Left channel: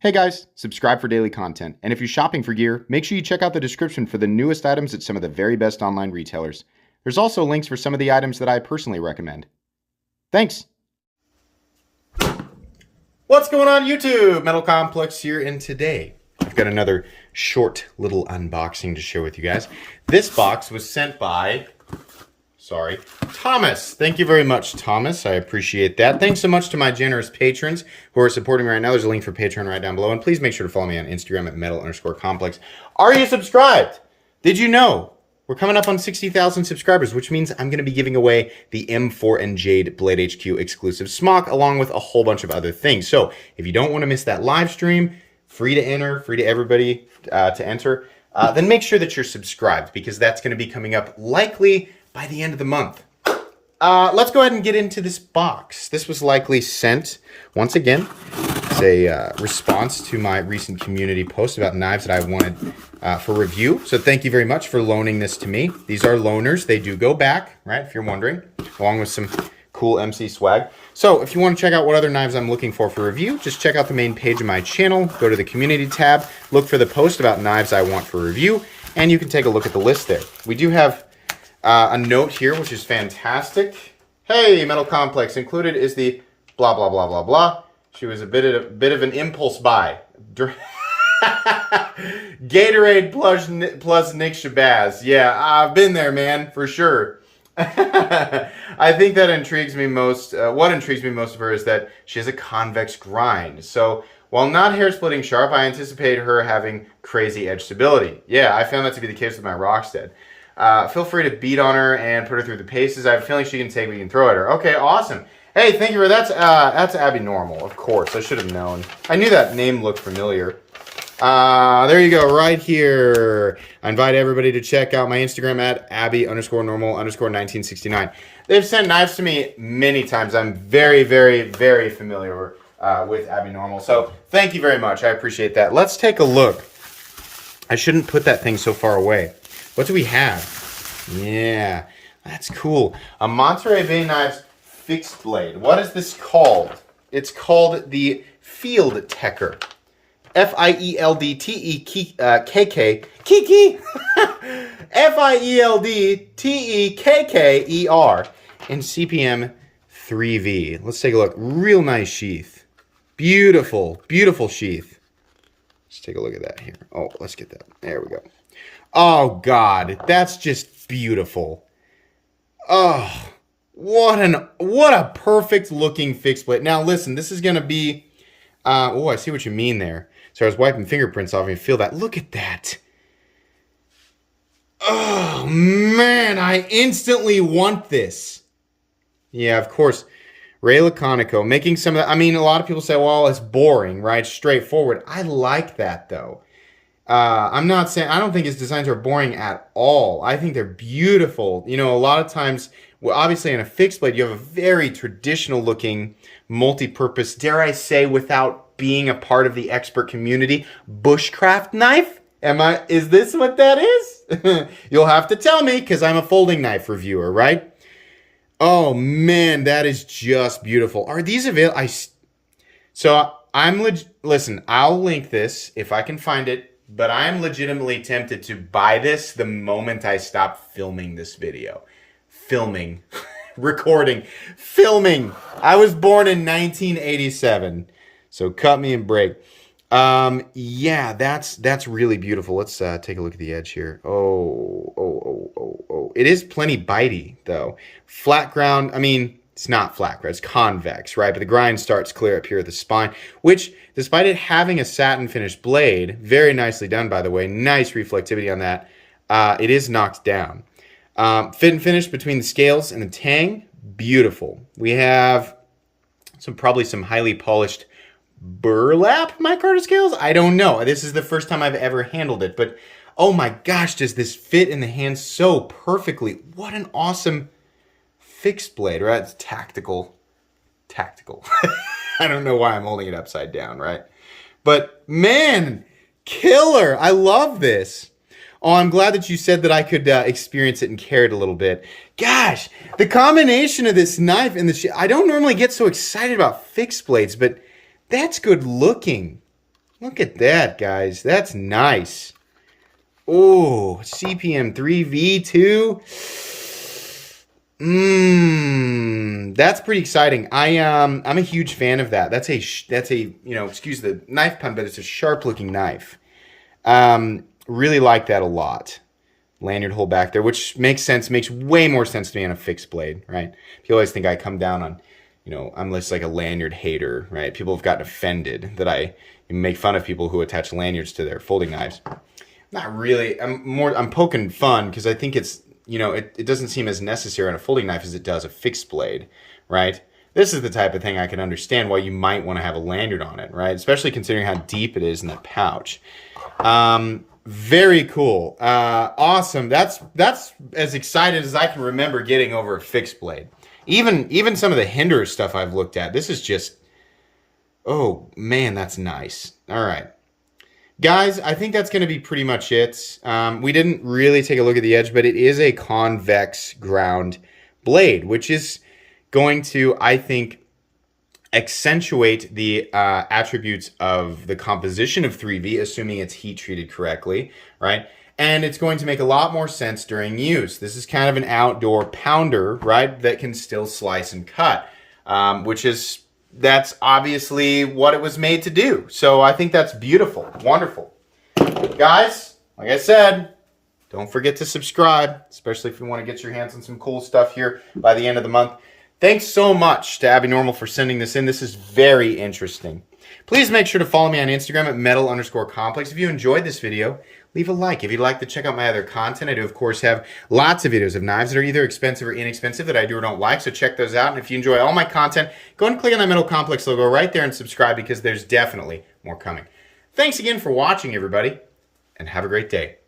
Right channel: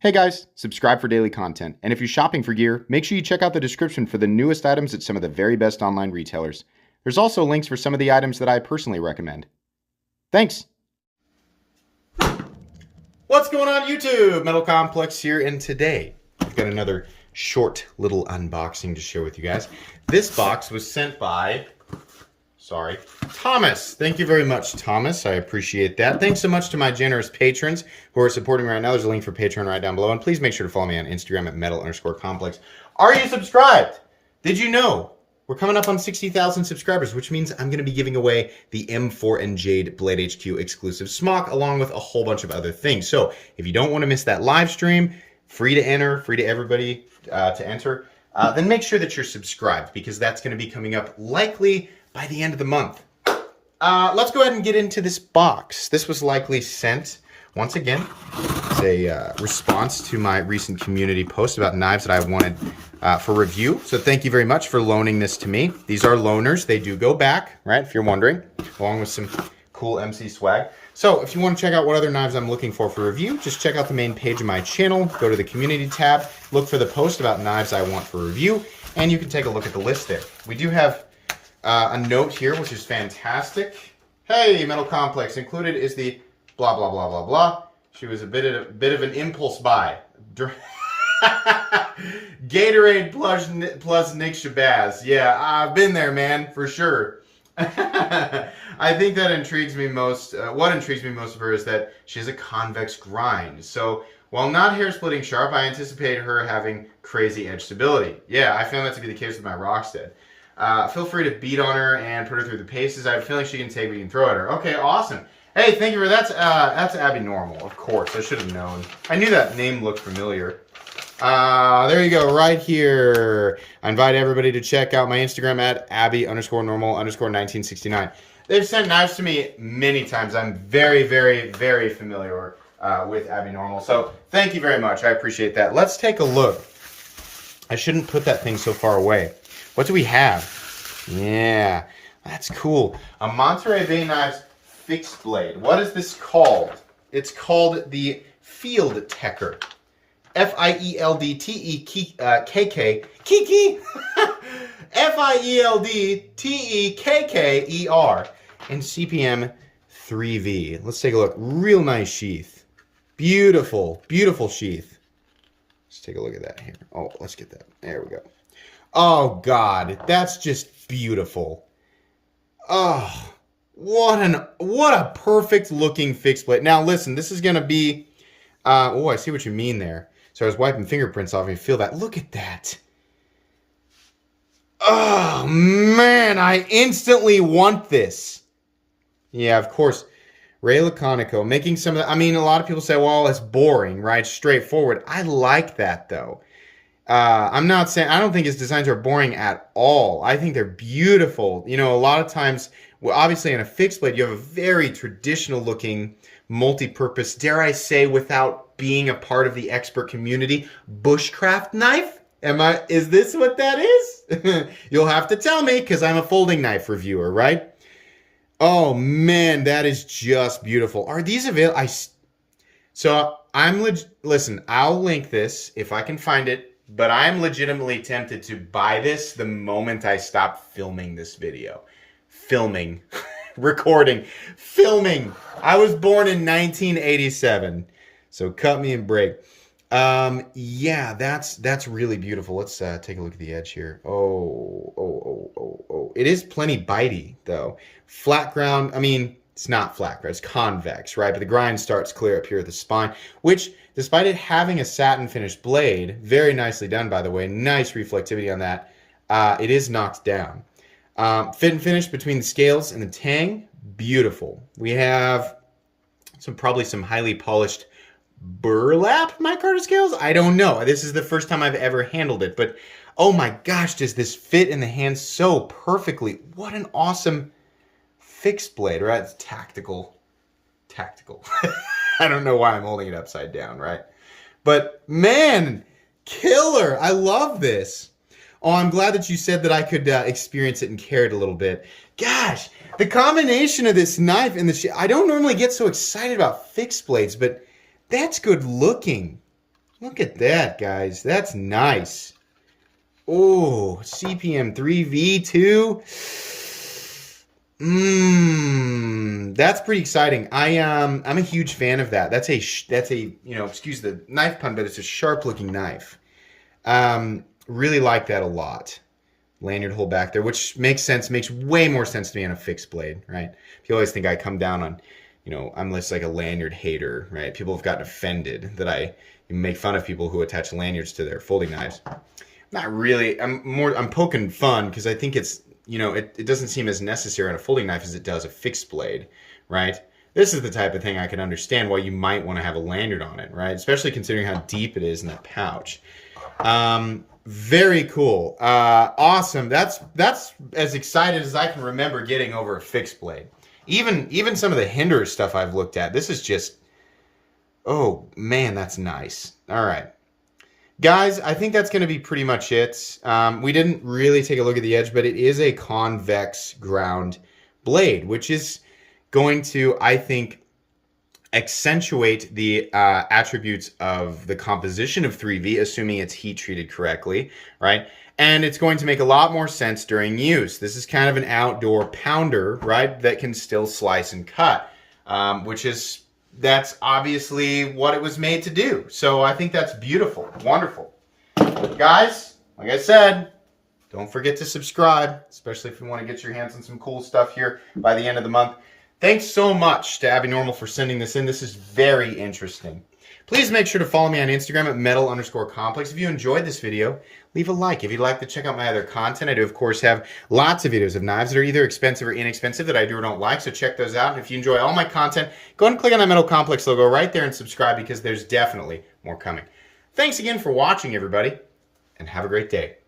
Hey guys, subscribe for daily content. And if you're shopping for gear, make sure you check out the description for the newest items at some of the very best online retailers. There's also links for some of the items that I personally recommend. Thanks! What's going on YouTube? Metal Complex here, and today I've got another short little unboxing to share with you guys. This box was sent by Thomas. Thank you very much, Thomas. I appreciate that. Thanks so much to my generous patrons who are supporting right now. There's a link for Patreon right down below. And please make sure to follow me on Instagram at metal_complex. Are you subscribed? Did you know? We're coming up on 60,000 subscribers, which means I'm going to be giving away the M4 and Jade Blade HQ exclusive smock, along with a whole bunch of other things. So if you don't want to miss that live stream, free to enter, free to everybody to enter, then make sure that you're subscribed, because that's going to be coming up likely by the end of the month. Let's go ahead and get into this box. This was likely sent, once again, as a response to my recent community post about knives that I wanted for review. So thank you very much for loaning this to me. These are loaners. They do go back, right, if you're wondering, along with some cool MC swag. So if you want to check out what other knives I'm looking for review, just check out the main page of my channel, go to the community tab, look for the post about knives I want for review, and you can take a look at the list there. We do have a note here, which is fantastic. Hey, Metal Complex, included is the blah, blah, blah, blah, blah. She was a bit of an impulse buy. Gatorade plus Nick Shabazz. Yeah, I've been there, man, for sure. I think that intrigues me most. What intrigues me most of her is that she has a convex grind. So while not hair splitting sharp, I anticipate her having crazy edge stability. Yeah, I found that to be the case with my Rockstead. Feel free to beat on her and put her through the paces. I have a feeling she can take what you can throw at her. Okay, awesome. Hey, thank you for that. That's Abby Normal, of course. I should have known. I knew that name looked familiar. There you go, right here. I invite everybody to check out my Instagram at Abby_normal_1969. They've sent knives to me many times. I'm very, very, very familiar with Abby Normal. So thank you very much. I appreciate that. Let's take a look. I shouldn't put that thing so far away. What do we have? Yeah, that's cool. A Monterey Bay Knives fixed blade. What is this called? It's called the Field Tekker. F-I-E-L-D-T-E-K-K. Kiki! F-I-E-L-D-T-E-K-K-E-R. In CPM 3V. Let's take a look. Real nice sheath. Beautiful, beautiful sheath. Let's take a look at that here. Oh, let's get that. There we go. Oh, God, that's just beautiful. Oh, what a perfect looking fixed blade. Now, listen, this is going to be, oh, I see what you mean there. So I was wiping fingerprints off and you feel that. Look at that. Oh, man, I instantly want this. Yeah, of course, Ray Laconico making some of the, I mean, a lot of people say, well, it's boring, right? Straightforward. I like that, though. I'm not saying, I don't think his designs are boring at all. I think they're beautiful. You know, a lot of times, well, obviously in a fixed blade, you have a very traditional looking, multi-purpose, dare I say, without being a part of the expert community, bushcraft knife? Is this what that is? You'll have to tell me, because I'm a folding knife reviewer, right? Oh man, that is just beautiful. Are these available? Listen, I'll link this if I can find it. But I'm legitimately tempted to buy this the moment I stop filming this video. Filming. Recording. Filming. I was born in 1987. So cut me and break. Yeah, that's really beautiful. Let's take a look at the edge here. Oh. It is plenty bitey, though. Flat ground, I mean, it's not flat ground, it's convex, right? But the grind starts clear up here at the spine, which, despite it having a satin finished blade, very nicely done, by the way, nice reflectivity on that, it is knocked down. Fit and finish between the scales and the tang, beautiful. We have probably some highly polished burlap micarta scales. I don't know. This is the first time I've ever handled it, but oh my gosh, does this fit in the hand so perfectly. What an awesome fixed blade, right? It's tactical. I don't know why I'm holding it upside down, right? But man, killer. I love this. Oh, I'm glad that you said that I could experience it and carry it a little bit. Gosh, the combination of this knife and the I don't normally get so excited about fixed blades, but that's good looking. Look at that, guys. That's nice. Oh, CPM 3V2. That's pretty exciting. I'm a huge fan of that. That's a excuse the knife pun, but it's a sharp looking knife. Really like that a lot. Lanyard hole back there, which makes sense, makes way more sense to me on a fixed blade, right? People always think I come down on, I'm just like a lanyard hater, right? People have gotten offended that I make fun of people who attach lanyards to their folding knives. Not really. I'm poking fun because I think it's, it doesn't seem as necessary on a folding knife as it does a fixed blade, right? This is the type of thing I can understand why you might want to have a lanyard on it, right? Especially considering how deep it is in that pouch. Very cool. Awesome. That's as excited as I can remember getting over a fixed blade. Even some of the Hinder stuff I've looked at. This is just, oh man, that's nice. All right. Guys, I think that's going to be pretty much it. We didn't really take a look at the edge, but it is a convex ground blade, which is going to, I think, accentuate the attributes of the composition of 3V, assuming it's heat treated correctly, right? And it's going to make a lot more sense during use. This is kind of an outdoor pounder, right, that can still slice and cut, that's obviously what it was made to do. So I think that's beautiful, wonderful. Guys, like I said, don't forget to subscribe, especially if you want to get your hands on some cool stuff here by the end of the month. Thanks so much to Abby Normal for sending this in. This is very interesting. Please make sure to follow me on Instagram at metal_complex. If you enjoyed this video, leave a like. If you'd like to check out my other content, I do, of course, have lots of videos of knives that are either expensive or inexpensive that I do or don't like, so check those out. And if you enjoy all my content, go ahead and click on that Metal Complex logo right there and subscribe because there's definitely more coming. Thanks again for watching, everybody, and have a great day.